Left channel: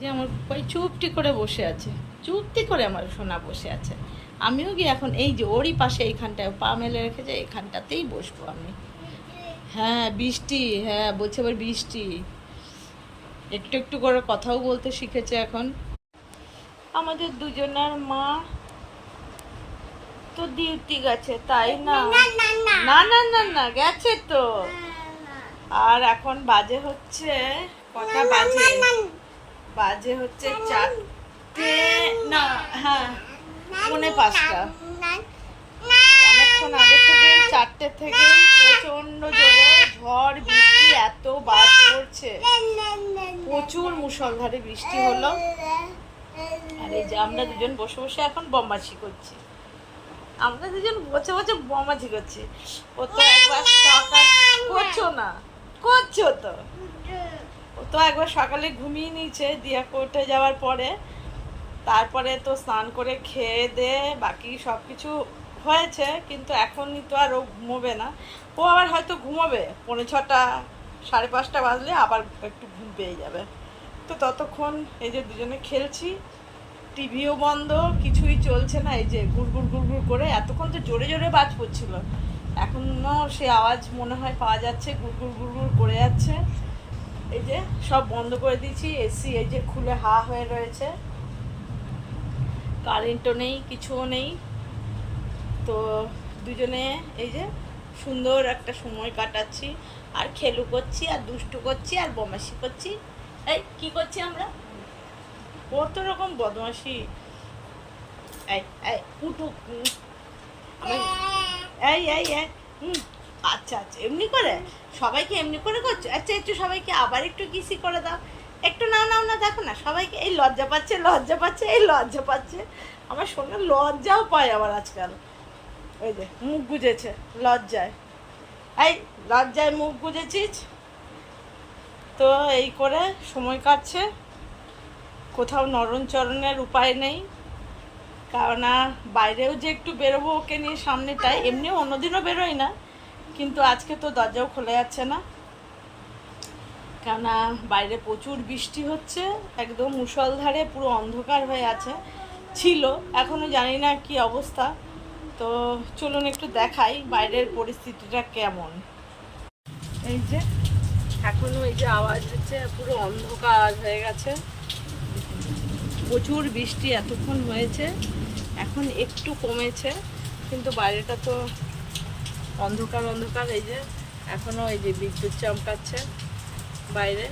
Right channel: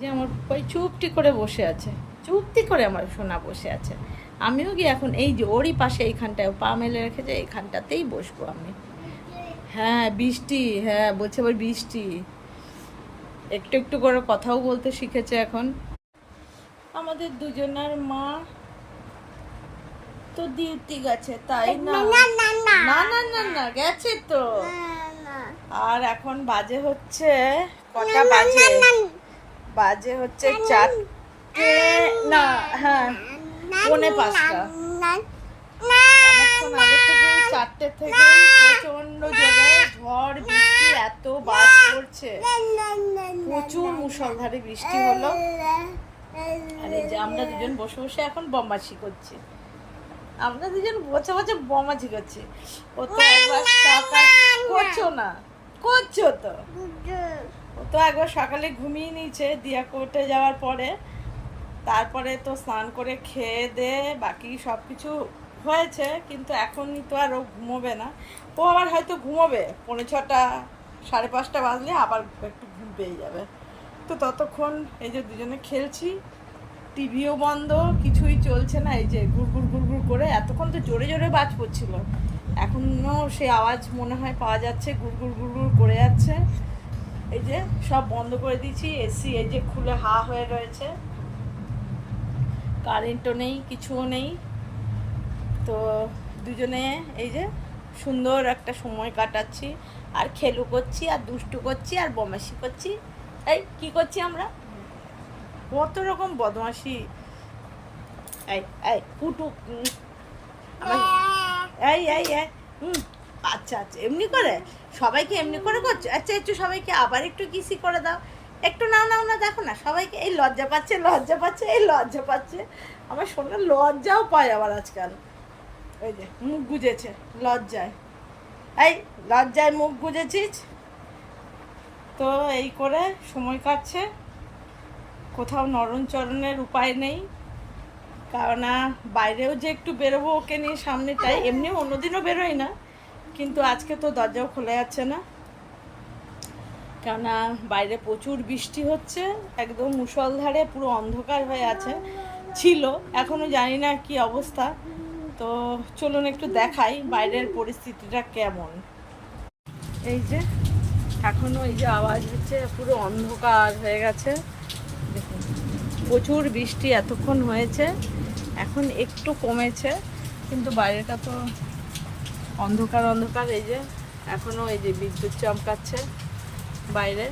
যে আমার ওই চুপটি করে বসে আছে, চুপটি করে আমার সোনা বসে আছে। আমিও গিয়ে এখন এই যে ওরই পাশে এইখানটায় পা মেলে রেখেছে, এইখানটাতেই বসবো আমি। হ্যাঁ বৃষ্টি, হ্যাঁ বলছে আবার বৃষ্টি। একটু একটু করে কথাও বলতে শিখেছে এখন। আমাদের দুজনের মা তো ডিউটি গেছে, তাই না? না না না না গেছে তো। আর এখন বাজে হচ্ছে কটা বাজে? বাজে হচ্ছে 4টে, না হ্যাঁ 4:45। অনেকক্ষণ আগে থেকেই 4টে থেকেই প্রচন্ড জোরে ঝড় বৃষ্টি, এত বাজ পড়ছে, প্রচুর মুষলধারে বৃষ্টি হলো। আর এই যে আমরা দুজন বসে বসে এখন বদমাশি করছি, আমরা দুজন বসে বসে বদমাশি করছি। ও তো একবার সকাল করছো না, করছো তো। ও তো একবার সকালে ঘুমিয়ে নিয়েছে দিয়া কোর্টে যাওয়ার পরে, তারপরে তো স্নান করে খেয়ে দে বাকি সব কিছু হয়েছে, কিন্তু এখনই তো আর ও ঘুমোবে না। ও আবার হয়তো ঘুমোবে 5:45 5:30 বাজলে আবার একটু ঘুম পেয়ে যাবে। তো ততক্ষণ এই যে দুজনে খেলছি, টিভিও বন্ধ, কিছুই চলছে না। এই যে গুড়গুড় গুড়গুড় করে এতক্ষণ তো জোরে জোরে বাজ পড়ছিল, এখনও সে আওয়াজ মনে হয় পাওয়া যাচ্ছে, গুড়গুড় গুড়গুড় করে যাচ্ছে। এই যে সব বন্ধ করে দিয়েছি, এসি এই যে খুলে হা হয়ে রয়েছে, কারেন্টও নেই, কিছুও নেই। তো দুজনে এই যে সুন্দর একটা সময় কাটাচ্ছি, আর খেলু করছি, আর দুষ্টু করছি, আর বদমাশি করছি। এই কি করছি আমরা? কত রকম বদমাশি। এই এই পুটু, এই এই এই আচ্ছা আচ্ছা, এমনি করে সবাইকে এমনি করে করছো? আচ্ছা একটু সবাইকে আবার একটু কিসি করে দাও, একটু নাও নাও না, দেখো না সবাইকে। এই লজ্জা পাচ্ছে, লজ্জা পাচ্ছে, এই লজ্জা পাচ্ছে। আমার শোনা লজ্জাও পায় আবার আজকাল। ওই যে মুখ গুজেছে লজ্জায়, এই লজ্জায় মুখ গুজেছিস। তো এই করে সময় কাটছে, কোথাও নরণচরণের উপায় নেই। কারণ বাইরেও যে একটু বেরোবো ওকে নিয়ে সামনেটায়, এমনিও অন্যদিনও বেরোই না, কিন্তু আজকে তো দরজাও খোলা যাচ্ছে না, কেননা বাইরে প্রচুর বৃষ্টি হচ্ছে, একদম মুষলধারে পুরো অন্ধকার হয়ে আছে, ছিল এখনও জানি না কি অবস্থা। তো চলুন একটু দেখাই বাইরের পরিস্থিতিটা কেমন। এই যে এখনও এই যে আওয়াজ হচ্ছে, পুরো অন্ধকার হয়ে গেছে, দেখুন প্রচুর বৃষ্টি এতক্ষণ হয়েছে, এখন একটু কমেছে, কিন্তু বাইরেটা তো অন্ধকার অন্ধকার। এই যে এখনও এই যে বিদ্যুৎ চমকাচ্ছে বাইরে।